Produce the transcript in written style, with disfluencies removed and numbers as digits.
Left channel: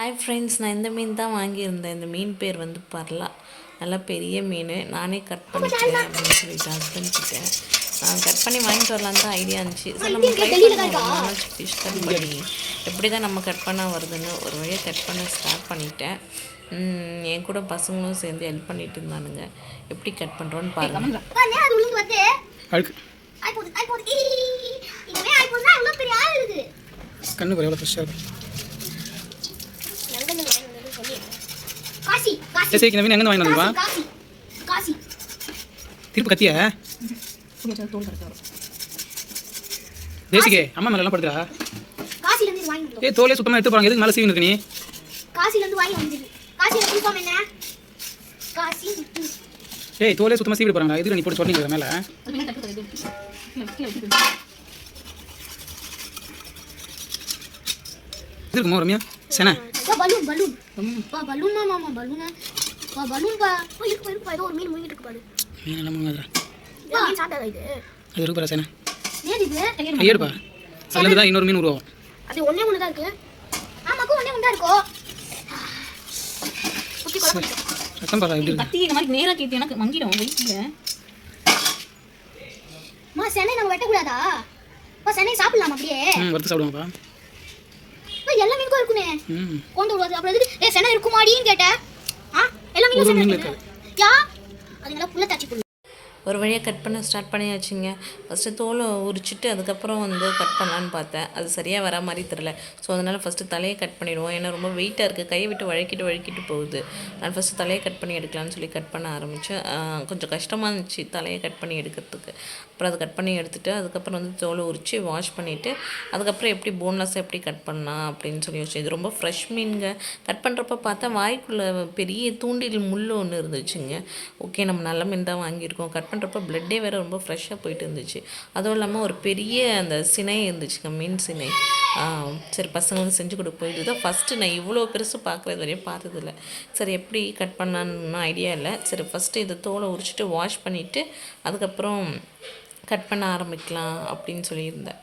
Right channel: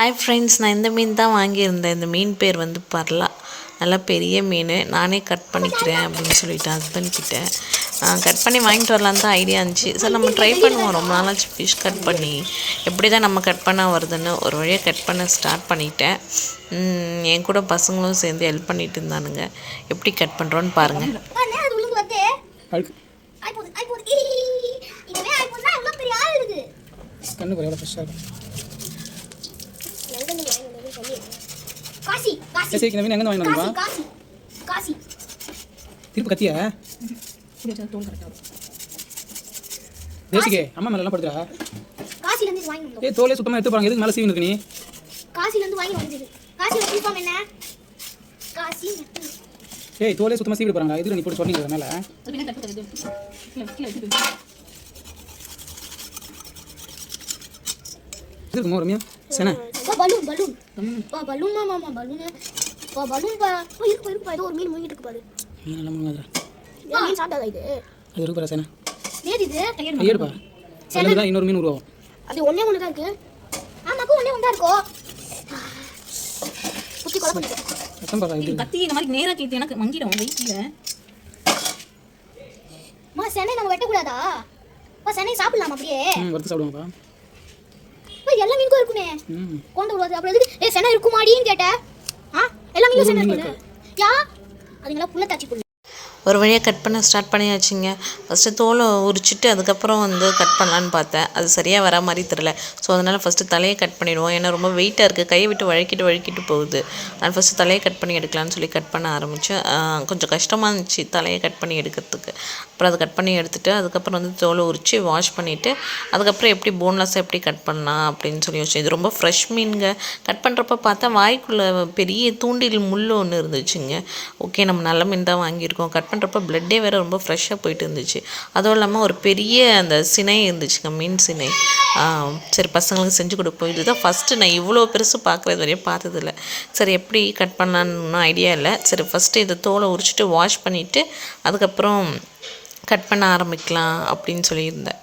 Hi friends, நான் இந்த மீன் தான் வாங்கியிருந்தேன். இந்த மீன் பேர் வந்து பர்லா. நல்லா பெரிய மீன். நானே கட் பண்ணிக்கிறேன் அப்படின்னு சொல்லிட்டு ஹஸ்பண்ட்கிட்ட கட் பண்ணி வாங்கிட்டு வரலான்னு தான் ஐடியா இருந்துச்சு. சார் நம்ம ட்ரை பண்ணுவோம், ரொம்ப நாளாச்சு ஃபிஷ் கட் பண்ணி எப்படி தான் நம்ம கட் பண்ண வருதுன்னு ஒரு வழியாக கட் பண்ண ஸ்டார்ட் பண்ணிட்டேன். என் கூட பசங்களும் சேர்ந்து ஹெல்ப் பண்ணிட்டு இருந்தானுங்க. எப்படி கட் பண்ணுறோன்னு பாருங்கள். கண்ணு எவ்வளோ ஃப்ரெஷ்ஷாக இருக்கும். எங்கே வாங்கினா திருப்பு கத்தியா தேசிக்கே அம்மா மேலே எல்லாம் படுத்துறா. தோலே சுத்தமாக எடுத்து போகிறாங்க. எதுக்கு மேலே சீவி இருக்கு நீ? தோலே சுத்தமாக சீவிட்டு போகிறாங்க. இதுல நீ போட்டு சொன்னீங்க மேலே இருக்குமா ரம்யா? சென பலூன் பலூன் பலூன் மாமா பலூன் பலூன் பா இருக்கு ஏதோ ஒரு மீன் மூங்கிட்டு இருக்கு பாரு. மீன் எல்லாம் மூங்கடா. மீன் சாப்பிட்டதா இது? அது இருக்கு பாரு சென. ஏது இது? ஐயர்ப்பா. அதுல தான் இன்னொரு மீன் உருவாகும். அது ஒண்ணே ஒண்ணு தான் இருக்கு. ஆமாக்கு ஒண்ணே ஒண்ணு தான் இருக்கு. குட்டி குழம்பு. ரத்தம் பாரு இப்படி. கத்தி இந்த மாதிரி நேரா கேட்டி எனக்கு மங்கிடும் வெயிட்ல. மா செனை நம்ம வெட்ட கூடாதா? செனை சாப்பிடலாமா அப்படியே? வறுத்து சாப்பிடுவாங்கப்பா. எல்லா மீனுக்கும் இருக்குமே. கொண்டு வருது அப்புறம் எதுக்கு செனை இருக்குமாடின்னு கேட்டேன். எல்லா மீனும் செனை இருக்கு. யா அதுங்களா புள்ள தாச்சி புள்ள. ஒரு வழியாக கட் பண்ண ஸ்டார்ட் பண்ணியாச்சுங்க. ஃபஸ்ட்டு தோலை உரிச்சிட்டு அதுக்கப்புறம் வந்து கட் பண்ணலான்னு பார்த்தேன். அது சரியாக வர மாதிரி தெரில. ஸோ அதனால் ஃபஸ்ட்டு தலையை கட் பண்ணிடுவோம். ஏன்னா ரொம்ப வெயிட்டாக இருக்குது, கையை விட்டு வழுக்கிட்டு போகுது. நான் ஃபஸ்ட்டு தலையை கட் பண்ணி எடுக்கலான்னு சொல்லி கட் பண்ண ஆரம்பித்தேன். கொஞ்சம் கஷ்டமாக இருந்துச்சு தலையை கட் பண்ணி எடுக்கிறதுக்கு. அப்புறம் அதை கட் பண்ணி எடுத்துகிட்டு அதுக்கப்புறம் வந்து தோலை உரித்து வாஷ் பண்ணிவிட்டு அதுக்கப்புறம் எப்படி போன்லெஸ்ஸாக எப்படி கட் பண்ணலாம் அப்படின்னு சொல்லி யோசிச்சேன். இது ரொம்ப ஃப்ரெஷ் மீனுங்க. கட் பண்ணுறப்ப பார்த்தா வாய்க்குள்ளே பெரிய தூண்டில் முள் ஒன்று இருந்துச்சுங்க. ஓகே, நம்ம நல்ல மீன் தான் வாங்கியிருக்கோம். கட் பண்ணுறப்ப பிளட்டே வேறு ரொம்ப ஃப்ரெஷ்ஷாக போயிட்டு இருந்துச்சு. அதுவும் இல்லாமல் ஒரு பெரிய அந்த சினை இருந்துச்சுங்க, மீன் சினை. சரி, பசங்களுக்கு செஞ்சு கொடுப்போம். இதுதான் ஃபஸ்ட்டு நான் இவ்வளோ பெருசு பார்க்குறது வரையும் பார்த்ததில்ல. சரி, எப்படி கட் பண்ணலான்னு ஐடியா இல்லை. சரி, ஃபஸ்ட்டு இதை தோலை உரிச்சிட்டு வாஷ் பண்ணிவிட்டு அதுக்கப்புறம் கட் பண்ண ஆரம்பிக்கலாம் அப்படின்னு சொல்லியிருந்தேன்.